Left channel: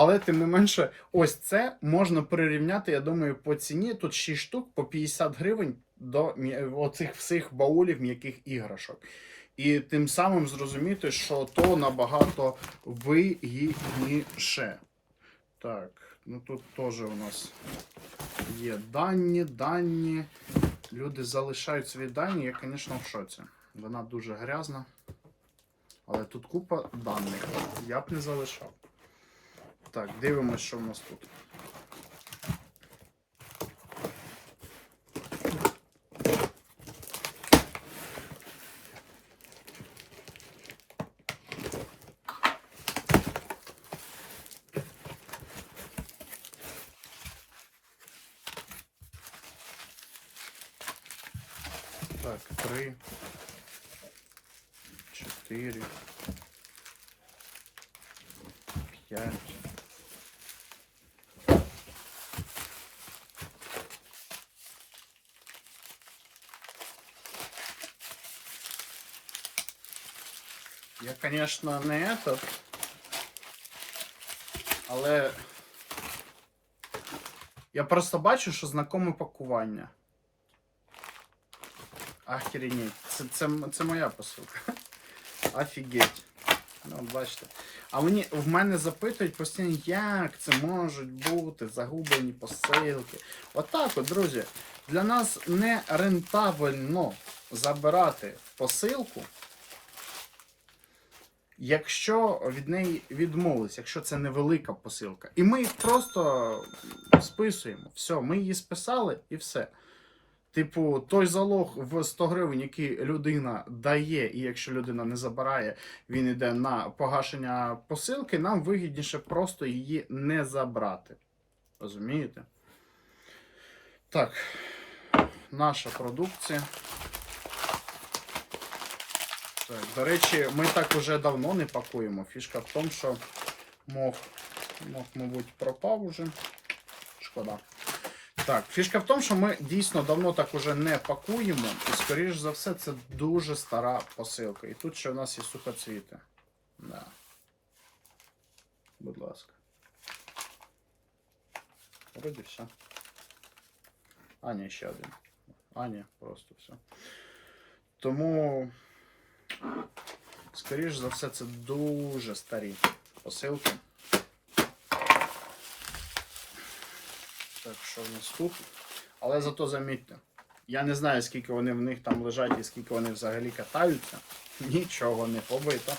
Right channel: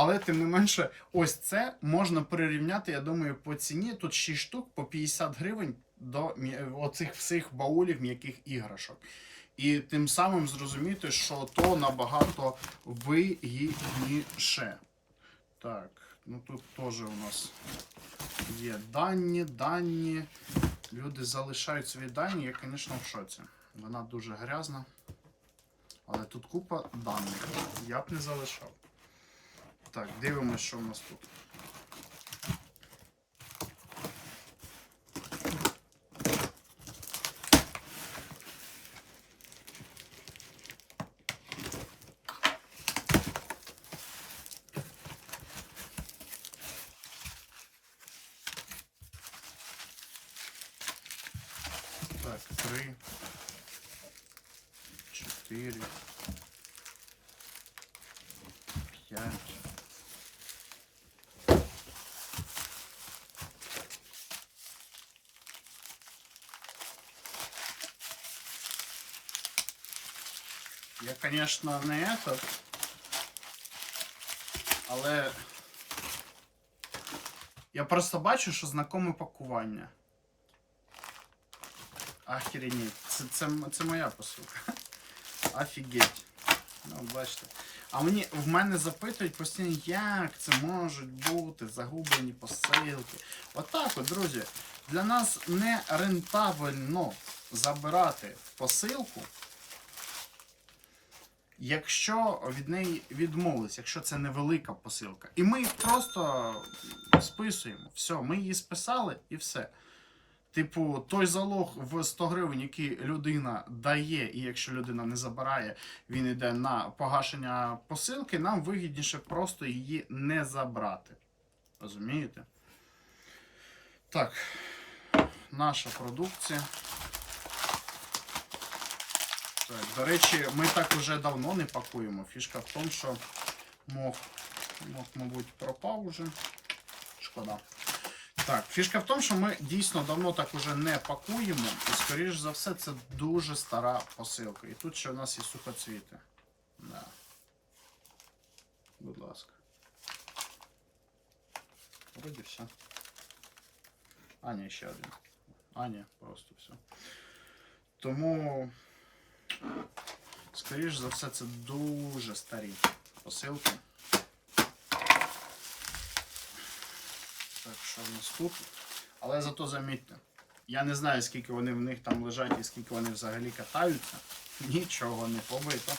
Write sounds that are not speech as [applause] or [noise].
Але тим не менше, ось це можна прирівняти, я думаю, по ціні. Тут 6 штук по 50 гривень до оцих всіх баулів м'яких іграшок. І тим самим зрозуміти, що то набагато вигідніше. Так, ну тут теж у нас є дані, дані. Люди залишають свої дані. Я, звісно, в шоці. Вона дуже грязна. Але тут купа даних. Я б не залишав. Так, дивимось, що в нас тут. Так, три, чотири, п'ять. Я, конечно, не этот, але я просто бачу, що знакоме пакування. Охренеть. Це, це, це моя посилка. [laughs] Офігеть. Ну, бачите. А мені в мене запитують постійно, як це можуть бути загублені посилки. Отак от, друзі. Для нас не рентабельно забирати посилку, якщо від неї відмовились, якщо це невелика посилка. І ми їх просто списуємо. Все, ми її списали і все. Типу, той залог в 100 гривень, який людина дає, і якщо людина не забирає, він йде на погашення посилки, нам вигідніше просто її не забрати. Розумієте? Так, наша продукція. Так, до речі, ми так уже давно не пакуємо. Фішка в тому, що мох, мох, мабуть, пропав уже. Шкода. Так, фішка в тому, що ми дійсно давно так уже не пакуємо, і, скоріш за все, це дуже стара посилка. І тут ще в нас є сухоцвіти. Да. Будь ласка. Вроді все. А, ще один. А, просто все. Тому, скоріш за все, це дуже старі посилки. Так, що в нас тут? Але зато замітьте, я не знаю, скільки вони в них там лежать і скільки вони взагалі катаються. Нічого не побито.